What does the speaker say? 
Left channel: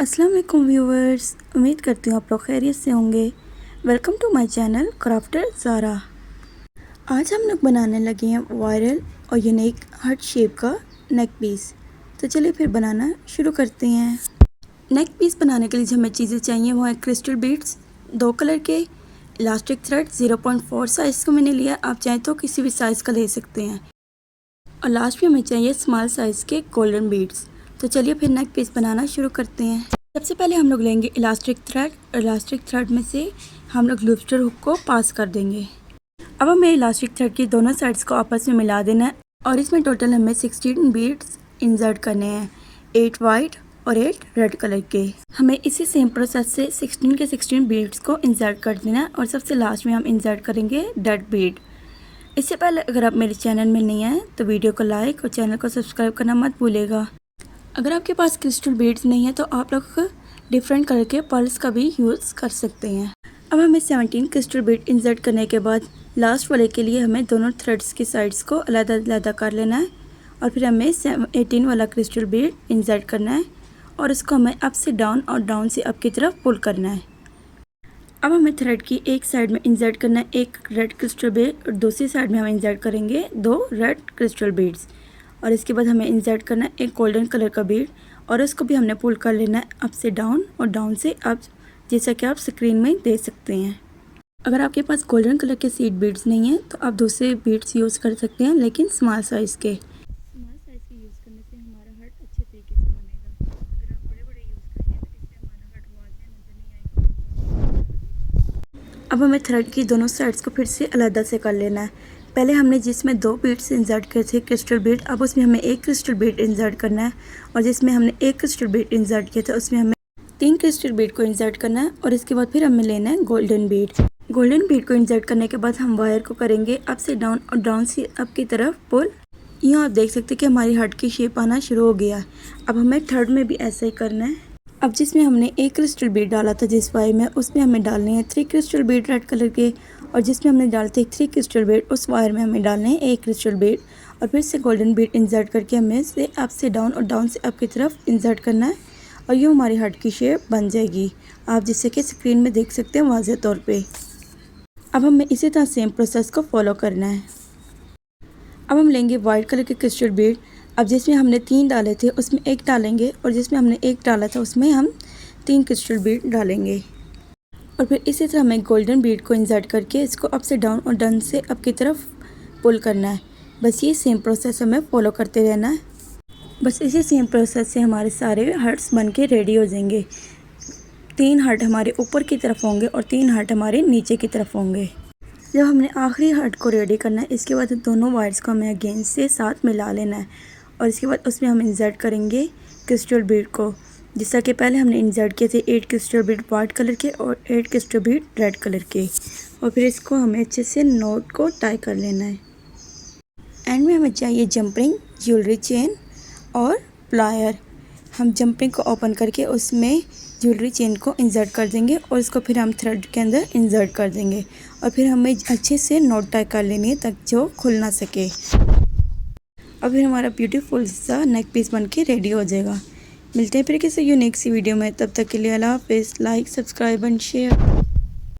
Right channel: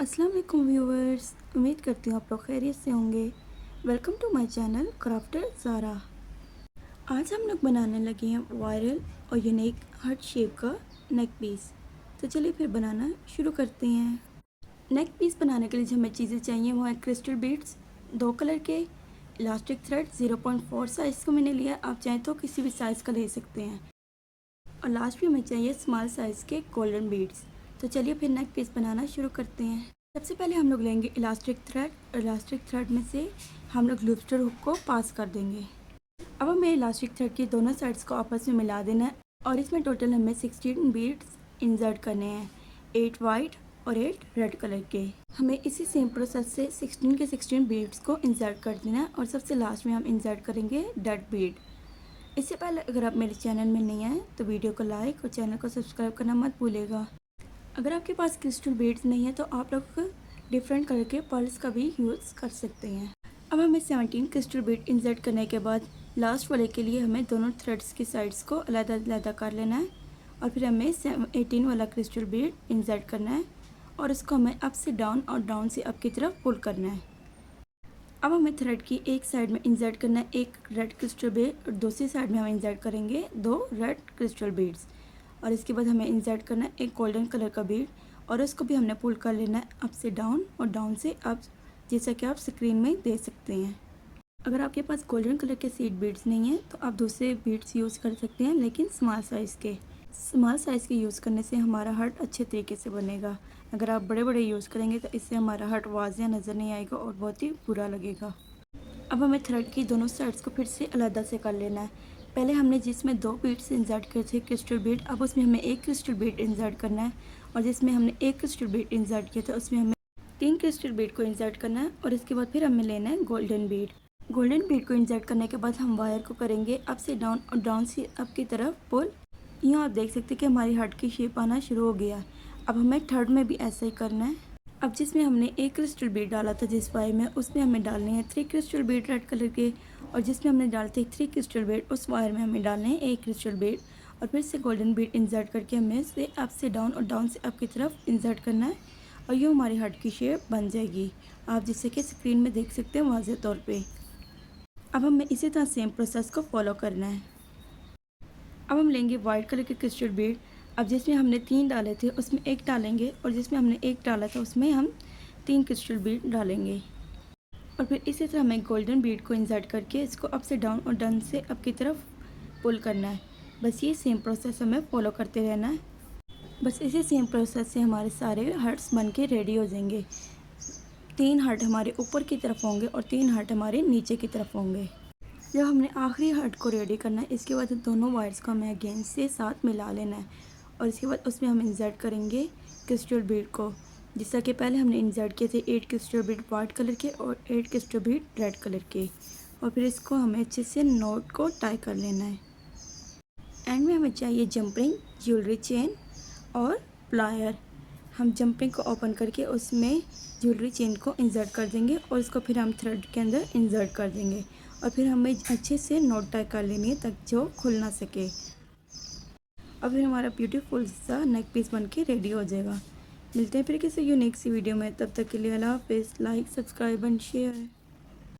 अस्सलाम वालेकुम व्यूवर्स, उम्मीद करती हूँ आप लोग खैरियत से होंगे। Welcome to my channel crafter Zara. आज हम लोग बनाने लगे हैं वायरल और यूनिक हार्ट शेप का नेक पीस। तो चलिए फिर बनाना शुरू करते हैं। नेक पीस बनाने के लिए जो हमें चीज़ें चाहिए वो है क्रिस्टल बीड्स 2 कलर के, इलास्टिक थ्रेड 0.4 साइज़ को मैंने लिया, आप चाहें तो किसी भी साइज़ का ले सकते हैं। और लास्ट में हमें चाहिए स्मॉल साइज़ के गोल्डन बीड्स। तो चलिए फिर नेक पीस बनाना शुरू करते हैं। सबसे पहले हम लोग लेंगे इलास्टिक थ्रेड में से हम लोग लूस्टर हुक को पास कर देंगे। अब हमें इलास्टिक थ्रेड की दोनों साइड्स को आपस में मिला देना है और इसमें टोटल हमें 16 बीड्स इंसर्ट करने हैं, 8 वाइट और 8 रेड कलर के। हमें इसी सेम प्रोसेस से 16 के 16 बीड्स को इंसर्ट कर देना है और सबसे लास्ट में हम इंसर्ट करेंगे डेड बीड। इससे पहले अगर आप मेरे चैनल में नहीं आए तो वीडियो को लाइक और चैनल को सब्सक्राइब करना मत भूलिएगा। अगर आपके पास क्रिस्टल बीड्स नहीं है तो आप लोग डिफरेंट कलर के पर्ल्स का भी यूज़ कर सकते हैं। अब हमें 17 क्रिस्टल बीड इंसर्ट करने के बाद लास्ट वाले के लिए हमें दोनों थ्रेड्स की साइड्स को अलग-अलग कर लेना है और फिर हमें 18 वाला क्रिस्टल बीड इंसर्ट करना है और इसको हमें अप से डाउन और डाउन से अप की तरफ पुल करना है। अब हमें थ्रेड की एक साइड में इंसर्ट करना है एक रेड क्रिस्टल बीड और दूसरी साइड में हम इंसर्ट करेंगे 2 रेड क्रिस्टल बीड्स और इसके बाद हमें इंसर्ट करना है एक गोल्डन कलर का बीड और इसको भी हमने पुल कर लेना है अप से डाउन और डाउन से अप, जैसा कि आप स्क्रीन में देख सकते हैं। अगर आपके पास गोल्डन कलर के सीड बीड्स नहीं हैं तो आप दूसरे बीड्स यूज़ कर सकते हैं, लेकिन स्मॉल साइज़ के यूज़ करने से हमारा हार्ट अच्छे तरीके से बनेगा। अगर आप बड़े बड़े यूज़ करेंगे तो इससे हमारा हार्ट वाज़िया नज़र नहीं आएगा और बहुत ही बुरा लगेगा। अब हमें थ्रेड की दोनों साइड्स को फिर से अलग से कर लेना है। पहले हमने जिसमें 2 बीड्स इंसर्ट किए थे क्रिस्टल बीड, अब उसमें हमें एक क्रिस्टल बीड इंसर्ट करना है और जिसमें हमने एक क्रिस्टल बीड इंसर्ट किया था उसमें हमें 3 क्रिस्टल बीड को इंसर्ट करना है और इसके बाद फिर हमें लेना है गोल्डन बीड को इंसर्ट करने के बाद हम वायर को करेंगे अप से डाउन और डाउन से अप की तरफ पुल। यूँ आप देख सकते हैं कि हमारी हार्ट की शेप आना शुरू हो गया। अब हमें थर्ड में भी ऐसा ही करना है। अब जिसमें हमने एक क्रिस्टल बीड डाला था जिस वायर में, उसमें हमें डालने हैं 3 क्रिस्टल बीड रेड कलर के और जिसमें हमने डालते 3 क्रिस्टल बीड उस वायर में हमें डालने हैं 1 क्रिस्टल बीड और फिर से गोल्डन बीड इंसर्ट करके हमें से अप से डाउन और डाउन से अप की तरफ इंसर्ट करना है और यूँ हमारी हार्ट की शेप बन जाएगी, आप जिससे कि स्क्रीन में देख सकते हैं वाज़ेह तौर पे। अब हमें इसी तरह सेम प्रोसेस को फॉलो करना है। अब हम लेंगे वाइट कलर के क्रिस्टल बीड, अब जिसमें हमने 3 डाले थे उसमें 1 डालेंगे और जिसमें हमने 1 डाला था उसमें हम 3 क्रिस्टल बीड डालेंगे और फिर इसी तरह हमें गोल्डन बीड को इंसर्ट करके इसको अप से डाउन और डाउन से अप की तरफ पुल करना है। बस ये सेम प्रोसेस हमें फॉलो करते रहना है। बस इसी सेम प्रोसेस से हमारे सारे हार्ट्स बन के रेडी हो जाएंगे। 3 हार्ट हमारे ऊपर की तरफ होंगे और 3 हार्ट हमारे नीचे की तरफ होंगे। जब हमने आखिरी हार्ट को रेडी करना है इसके बाद दोनों वायर्स को हमें अगेन से साथ मिला लेना है और इसके बाद उसमें हम इंसर्ट करेंगे क्रिस्टल बीड को, जैसा कि पहले हमने इंसर्ट किए थे 8 क्रिस्टल बीड वाइट कलर के और 8 क्रिस्टल बीड रेड कलर के और फिर इसको हमें अच्छे से नॉट को टाई कर लेना है। एंड में हमें चाहिए जंपिंग ज्वेलरी चेन और प्लायर। हम जंपिंग को ओपन करके उसमें ज्वेलरी चेन को इंसर्ट कर देंगे और इसको फिर हम थ्रेड के अंदर इंसर्ट कर देंगे और फिर हमें अच्छे से नॉट टाई कर लेनी है तक जो खुल ना सके और फिर हमारा ब्यूटीफुल सा नेक पीस बन के रेडी हो जाएगा। मिलते हैं फिर किसी यूनिक सी वीडियो में, तब तक के लिए अल्लाह हाफ़िज़। Like, subscribe and share.